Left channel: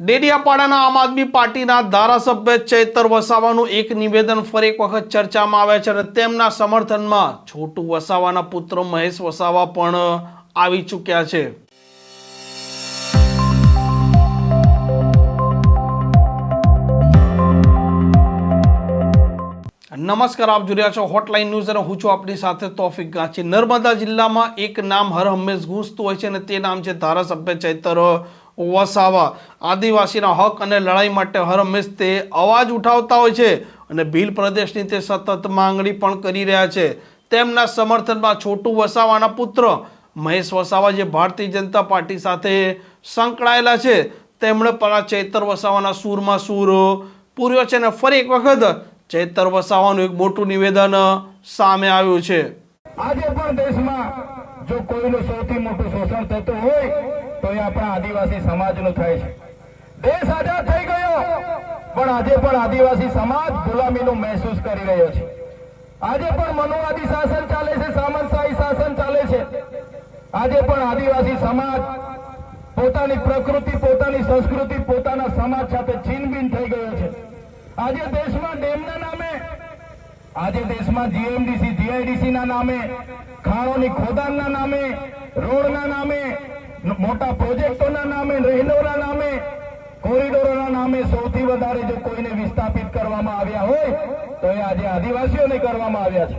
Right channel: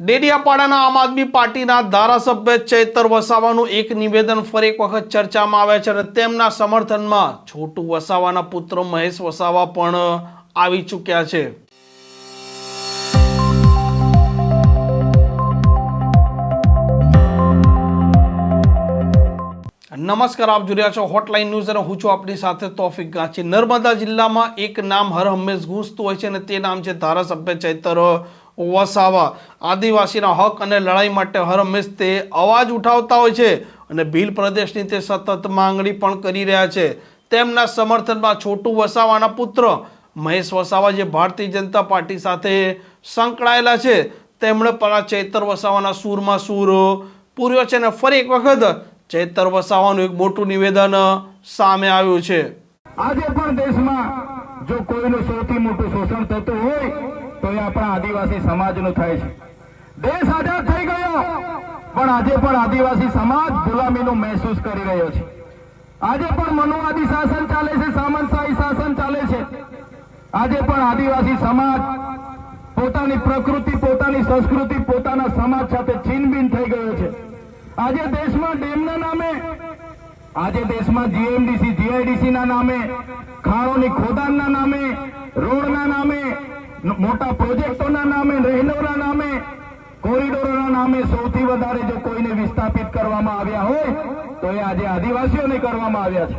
ડેડિયાપાડાના આમ આદમી પાર્ટીના ધારાસભ્ય ચૈતર વસાવાનું એક નિવેદન ફરી એક વખત ચર્ચામાં આવે છે અને તેમના સમર્થનમાં છોટુ વસાવાના પુત્ર મહેશ વસાવા પણ આવી ચૂક્યા છે। નમસ્કાર, આપ જોઈ રહ્યા છો હોટલાઇન ન્યૂઝ અને હું છું આપની સાથે તોફિક ગાંચી। નર્મદા જિલ્લામાં એક નામ હર હંમેશ ગૂંજતું હોય છે અને તે નામ છે ધારાસભ્ય ચૈતર વસાવા। આદિવાસીના હક અને લડાઈ માટે હર હંમેશ તે અવાજ ઉઠાવતા હોય છે અને ભીલ પ્રદેશની તે સતત માંગણી પણ કરી રહ્યા છે। તેમના સમર્થનમાં છોટુ વસાવાના પુત્ર મહેશ વસાવા જે ભારતીય જનતા પાર્ટી સાથે સંકળાયેલા છે તેમણે પણ ચૈતર વસાવાના સૂરમાં સૂર પૂર્યો છે અને ફરી એક વખત ચૈતર વસાવાનું એક મોટું નિવેદન સામે આવ્યું છે। આજે પણ દેશમાં જો કોઈનું સૌથી મોટું શોષણ થતું હોય તો એ આપણા આદિવાસી સમાજનું થાય છે। દેશ આઝાદ થઈ ગયો પણ આજે પણ આદિવાસી સમાજ ગુલામીનું મહેસૂસ કરી રહ્યો છે। આજે પણ મનુવાદી શાસન ચાલે છે, સામંતશાહી શાસન ચાલે છે। આજે પણ આદિવાસી સમાજ પોતાની પ્રકૃતિ, પોતાની સંસ્કૃતિ, પોતાના સમાજ સાથે છીનબીન થઈ ગયો છે। આજે દેશમાં ડેમના નામે, આજે દેશમાં જીએમડીસી, જીઆઈડીસી ના નામે, ખાણોની ખોદાણના નામે, રોડના નામે, મોટા પ્રોજેક્ટોના નામે, રહેણોના નામે, કોરિડોરોના નામે સૌથી વધારે જો કોઈને વિસ્થાપિત કરવામાં આવ્યા હોય તો એ આજે આદિવાસીઓને કરવામાં આવ્યા છે।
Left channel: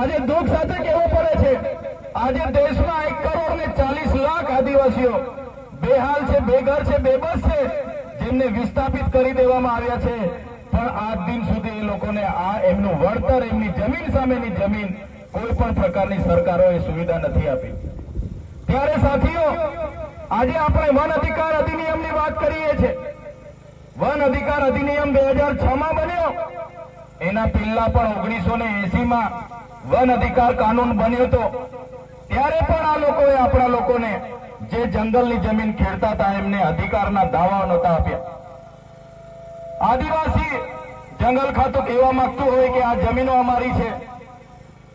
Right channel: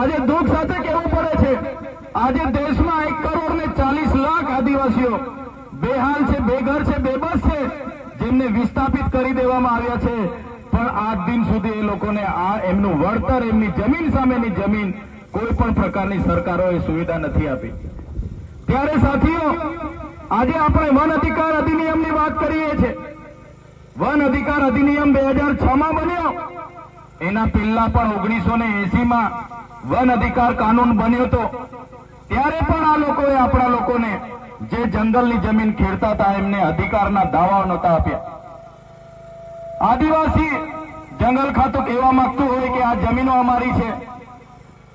આજે દુઃખ સાથે કહેવું પડે છે, આજે દેશમાં 1,40,00,000 આદિવાસીઓ બેહાલ છે, બેઘર છે, બેબસ છે, જેમને વિસ્થાપિત કરી દેવામાં આવ્યા છે। પણ આજ દિન સુધી એ લોકોને આ એમનું વળતર, એમની જમીન સામેની જમીન કોઈ પણ પ્રકારની સરકારોએ સુવિધા નથી આપી। ત્યારે સાથીઓ, આજે આપણે વન અધિકાર અધિનિયમની વાત કરીએ છીએ। વન અધિકાર અધિનિયમ 2006માં બન્યો, એના પહેલા પણ 1980માં વન અધિકાર કાનૂન બન્યો હતો। ત્યારે પણ આ લોકોએ આપણા લોકોને જે જંગલની જમીન ખેડતા હતા એમને અધિકારના દાવાઓ નહોતા આપ્યા। આદિવાસી જંગલ ખાતું કહેવા માંગતું હોય કે આ જમીનો અમારી છે,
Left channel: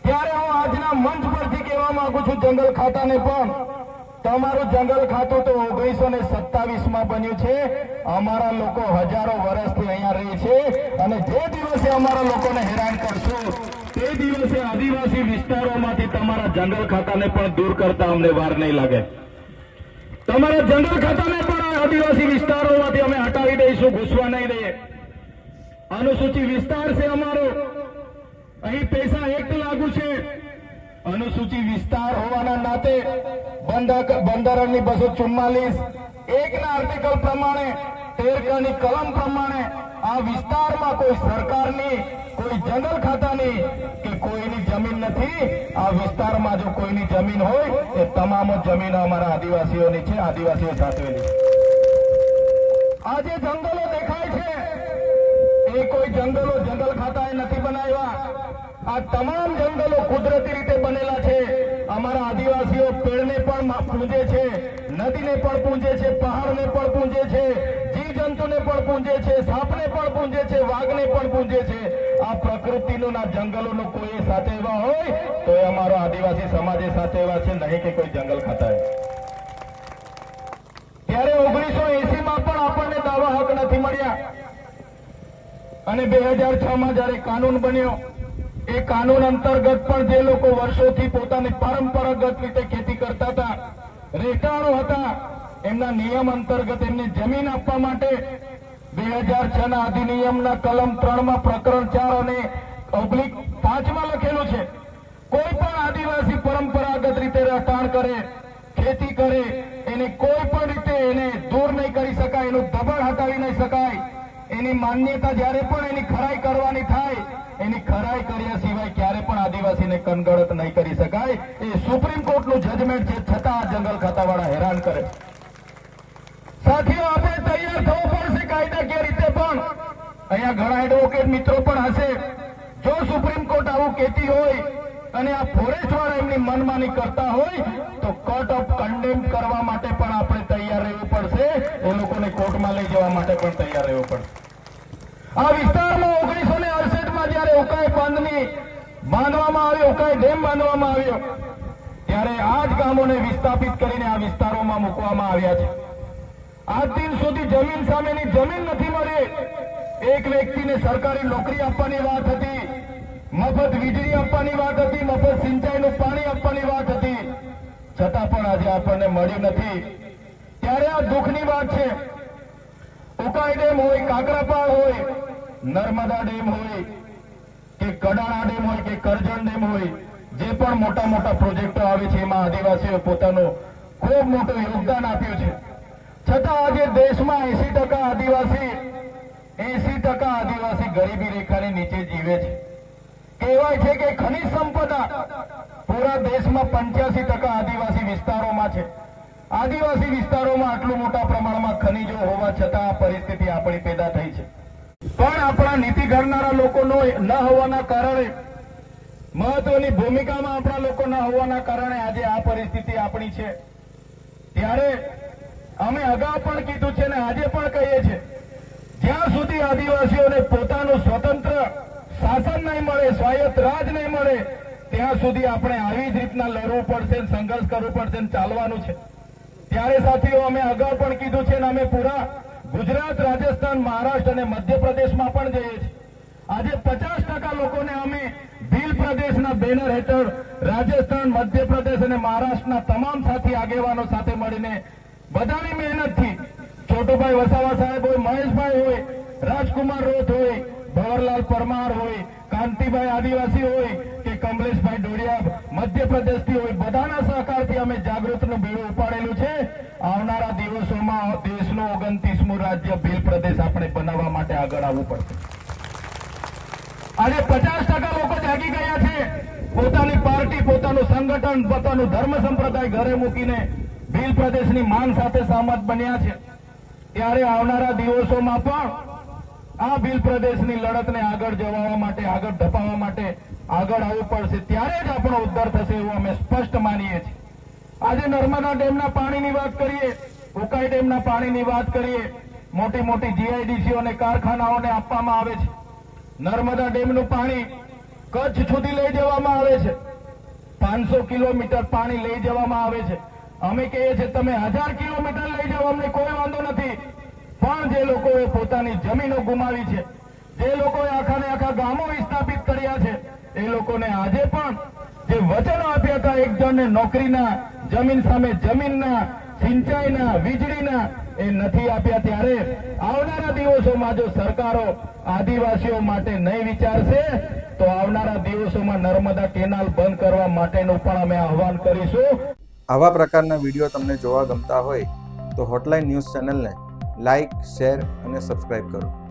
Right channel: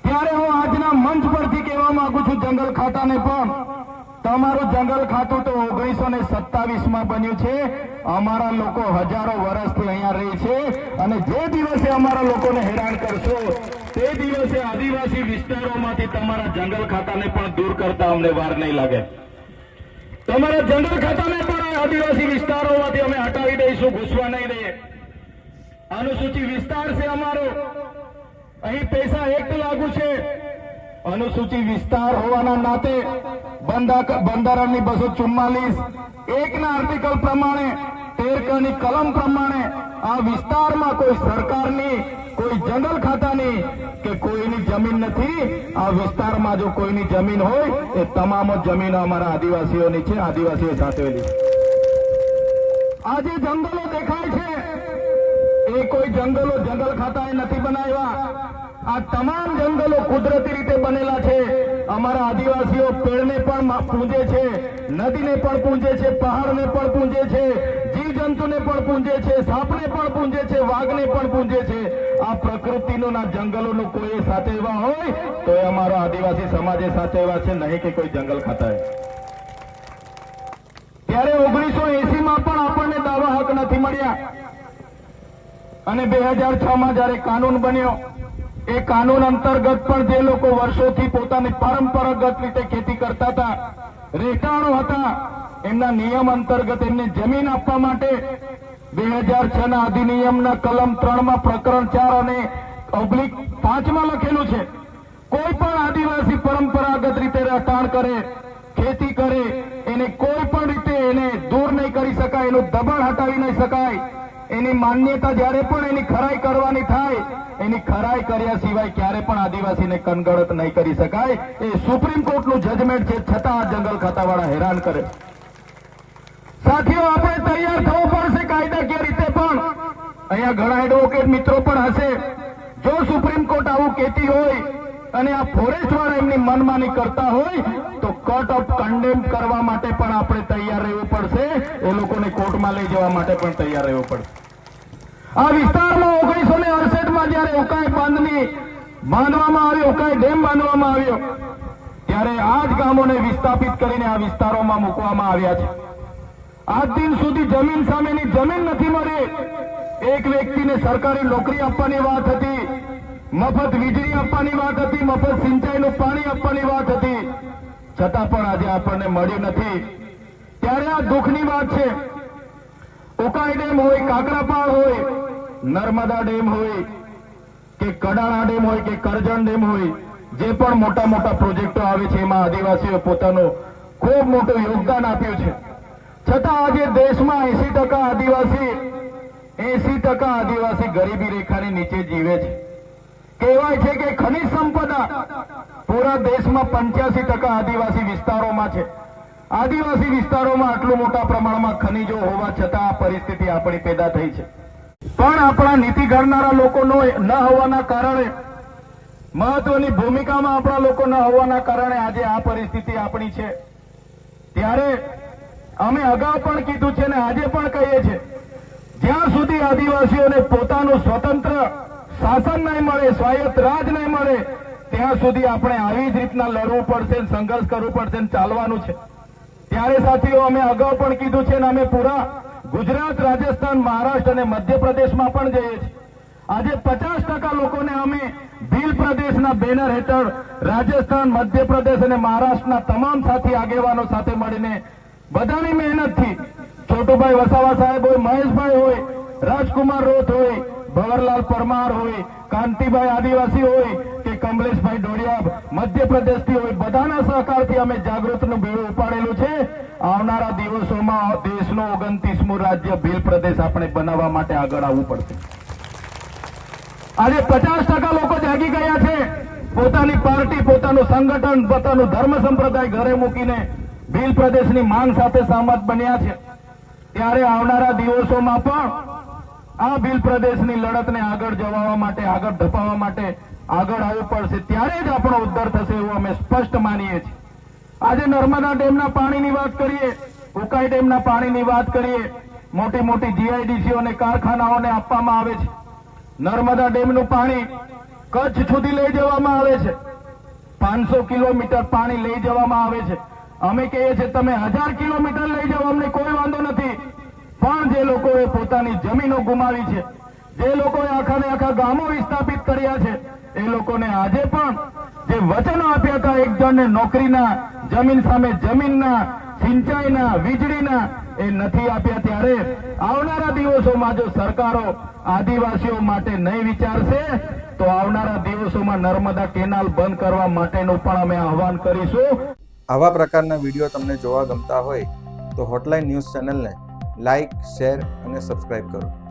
ત્યારે હું આજના મંચ પરથી કહેવા માંગુ છું જંગલ ખાતાને પણ, તમારું જંગલ ખાતું તો 1927માં બન્યું છે। અમારા લોકો હજારો વર્ષથી અહીંયા રહે છે અને જે દિવસે અમારા લોકોને હેરાન કરશો તે દિવસે આદિવાસી વિસ્તારોમાંથી તમારા જંગલ ખાતાને પણ દૂર કરતા અમને વાર નહીં લાગે। તમારા જંગલ ખાતાને પણ આદિવાસી વિસ્તારોમાંથી અમે હટાવી દઈશું, ઘૂસવા નહીં દઈએ। અનુસૂચિત વિસ્તાર છે અમારો, અહીં પૈસા એક્ટ લાગુ છે। અનુસૂચિત વિસ્તાર હોવાના નાતે બંધારણની 244(1) ના આર્ટિકલ પ્રમાણે, 13 ની કલમ પ્રમાણે આ વિસ્તારમાં કોઈ સરકારની, કોઈ જંગલ ખાતાની કે કોઈની જમીન નથી। આ વિસ્તારમાં જો કોઈની જમીન હોય એ તમામ જમીનો અમારા આદિવાસીઓની છે, આદિવાસીઓ સાચવેલી છે। આજે જંગલો દેખાય છે એ કોઈ જંગલો જંગલ ખાતાએ નથી બનાવ્યા। આ તમામ જંગલો કુદરતી રીતે બનેલા છે। અમારા આદિવાસીઓ પેડને પણ પૂજે છે, નદીને પણ પૂજે છે, પહાડને પણ પૂજે છે, જીવજંતુને પણ પૂજે છે, સાપને પણ પૂજે છે, વાઘને પણ પૂજે છે। આ પ્રકૃતિનું ના જંગલોનું કોઈ સાચવવા હોય તો એ અમારો આદિવાસી સમાજે સાચવવા છે, નહીં કે કોઈ જંગલ ખાતાએ। ત્યારે 1980માં પણ આપણને દાવા હક નથી મળ્યા અને 2006માં જયારે કાનૂન બન્યો, એ કાનૂન અંતર્ગત પણ જે લોકો વર્ષોથી પોતાની પરંપરાગત રીતે ખેતી કરતા હતા, રહેઠાણો હતા, એમના નિયમ અંતર્ગત એમને જમીન આપવા માટે 2006ના અધિનિયમના કલમ 3માં પ્રકરણ 4 અને /5માં લખેલું છે, કોઈ પણ આદિવાસી પરંપરાગત રીતે રહેઠાણ કરે, ખેતી કરે, એને કોઈ પણ રીતે એને દૂર નહીં કરી શકાય, એનું દબાણ હટાવી નહીં શકાય। એની માન્યતા જ્યારે પણ એની ખરાઈ કરવાની થાય, એની ખરાઈ કર્યા સિવાય ક્યારે પણ આદિવાસીને કનગડત નહીં કરી શકાય। એ સુપ્રીમ કોર્ટનું જજમેન્ટ છે, છતાં આ જંગલ ખાતાવાળા હેરાન કરે। સાથીઓ, આપણે તૈયાર થવું પડશે કાયદાકીય રીતે પણ। અહીંયા ઘણા એડવોકેટ મિત્રો પણ હશે, જો સુપ્રીમ કોર્ટ આવું કહેતી હોય અને આ ફોરેસ્ટ વાળા એમની મનમાની કરતા હોય તો કોર્ટ ઓફ કન્ડેમ કરવા માટે પણ આપણે તૈયાર રહેવું પડશે। એ લોકોને કોર્ટમાં લઈ જવા માટે પણ તૈયાર રહેવું પડશે। આ વિસ્તારમાં 1968માં જયારે ઉકાઈ બાંધની બાંધવામાં આવ્યો, ઉકાઈ ડેમ બાંધવામાં આવ્યો, ત્યારે આ જ ગામોને વિસ્થાપિત કરીને આ વિસ્તારોમાં મૂકવામાં આવ્યા છે। આજ દિન સુધી જમીન સામેની જમીન નથી મળી. એક વ્યક્તિને સરકારી નોકરી આપવાની વાત હતી, મફત વીજળી આપવાની વાત હતી, મફત સિંચાઈનું પાણી આપવાની વાત હતી, છતાં પણ આજે આપણને મળ્યું નથી. ત્યારે આ દુઃખની વાત છે. ઉકાઈ ડેમ હોય, કાકરાપાળ હોય, નર્મદા ડેમ હોય કે કડાણા ડેમ હોય કે કરજણ ડેમ હોય, જે પણ મોટા મોટા પ્રોજેક્ટો આવે છે એમાં આદિવાસીઓ પોતાનું ખૂબ મોટું યોગદાન આપ્યું છે. છતાં આજે દેશમાં 80% આદિવાસી ગરીબી રેખાની નીચે જીવે છે. કહેવાય છે કે ખનિજ સંપદા પૂરા દેશમાં 85% આદિવાસી વિસ્તારોમાં છે. આદિવાસી વિસ્તારોમાં આટલું મોટા પ્રમાણમાં ખનિજો હોવા છતાં આ પરિસ્થિતિ આપણી પેદા થઈ છે. પણ આપણા નીતિ ઘડનારા લોકોનો ન હોવાના કારણે, મહત્વની ભૂમિકામાં આપણા લોકો ન હોવાના કારણે આજે આ પરિસ્થિતિ આપણી છે. ત્યારે અમે અગાઉ પણ કીધું છે ને આજે પણ કહીએ છીએ, જ્યાં સુધી આદિવાસીઓને પોતાનું સ્વતંત્ર શાસન નહીં મળે, સ્વાયત્ત રાજ નહીં મળે, ત્યાં સુધી આપણે આવી જ રીતના લડવું પડશે, સંઘર્ષ કરવું પડશે, ચાલવાનું છે. ત્યારે સાથીઓ અમે અગાઉ પણ કીધું છે ને અમે પૂરા ગુજરાત, રાજસ્થાન, મહારાષ્ટ્ર અને મધ્યપ્રદેશમાં પણ જઈએ છીએ. આજે 50% લોકોને અમે ભીલ પ્રદેશના બેનર હેઠળ રાજસ્થાન, મધ્યપ્રદેશ અને મહારાષ્ટ્રના તમામ સાથી આગેવાનો સાથે મળીને બધાની મહેનતથી છોટુભાઈ વસાવા સાહેબ હોય, મહેશભાઈ હોય, રાજકુમાર રોથ હોય, ભવરલાલ પરમાર હોય, કાંતિભાઈ આદિવાસી હોય કે કમલેશભાઈ ડોડિયા મધ્યપ્રદેશથી હોય, બધાના સહકારથી અમે જાગૃતનું બેડું ઉપાડેલું છે. આવનારા દિવસોમાં દેશનું 29મું રાજ્ય ભીલ પ્રદેશ આપણે બનાવવા માટે આગળ આવવું પડશે. આજે 50% લોકો જાગી ગયા છે. પોતાની પાર્ટી, પોતાનું સંગઠન, પોતાનું ધર્મ સંપ્રદાય ઘરે મૂકીને ભીલ પ્રદેશની માંગ સાથે સહમત બન્યા છે. ત્યારે આવનારા દિવસોમાં પણ આ ભીલ પ્રદેશની લડતને આગળ જવા માટે, આગળ ધપાવવા માટે આગળ આવવું પડશે. ત્યારે જ આપણો ઉદ્ધાર થશે એવું અમે સ્પષ્ટ માનીએ છીએ. આજે નર્મદા ડેમના પાણીની વાત કરીએ, ઉકાઈ ડેમના પાણીની વાત કરીએ, મોટી મોટી જીઆઈડીસીઓ અને કારખાનાઓને આપવામાં આવે છે. નર્મદા ડેમનું પાણી કચ્છ સુધી લઈ જવામાં આવે છે. 500 કિલોમીટર પાણી લઈ જવામાં આવે છે. અમે કહીએ છીએ તમે 1000 કિલોમીટર લઈ જાઓ, અમને કોઈ વાંધો નથી. પણ જે લોકોએ પોતાની જમીનો ગુમાવી છે, જે લોકોએ આખા ગામો વિસ્થાપિત કર્યા છે, એ લોકોને આજે પણ જે વચનો આપ્યા હતા એક જણને નોકરીના, જમીન સામે જમીનના, સિંચાઈના, વીજળીના, એ નથી આપ્યા. ત્યારે આવનારા દિવસોમાં જો સરકારો આદિવાસીઓ માટે નહીં વિચારશે તો આવનારા દિવસોમાં નર્મદા કેનાલ બંધ કરવા માટેનું પણ અમે આહવાન કરીશું. આવા પ્રકારના વિડીયો તમને જોવા ગમતા હોય તો હોટલાઇન ન્યૂઝ ચેનલને લાઇક, શેર અને સબસ્ક્રાઇબ કરો.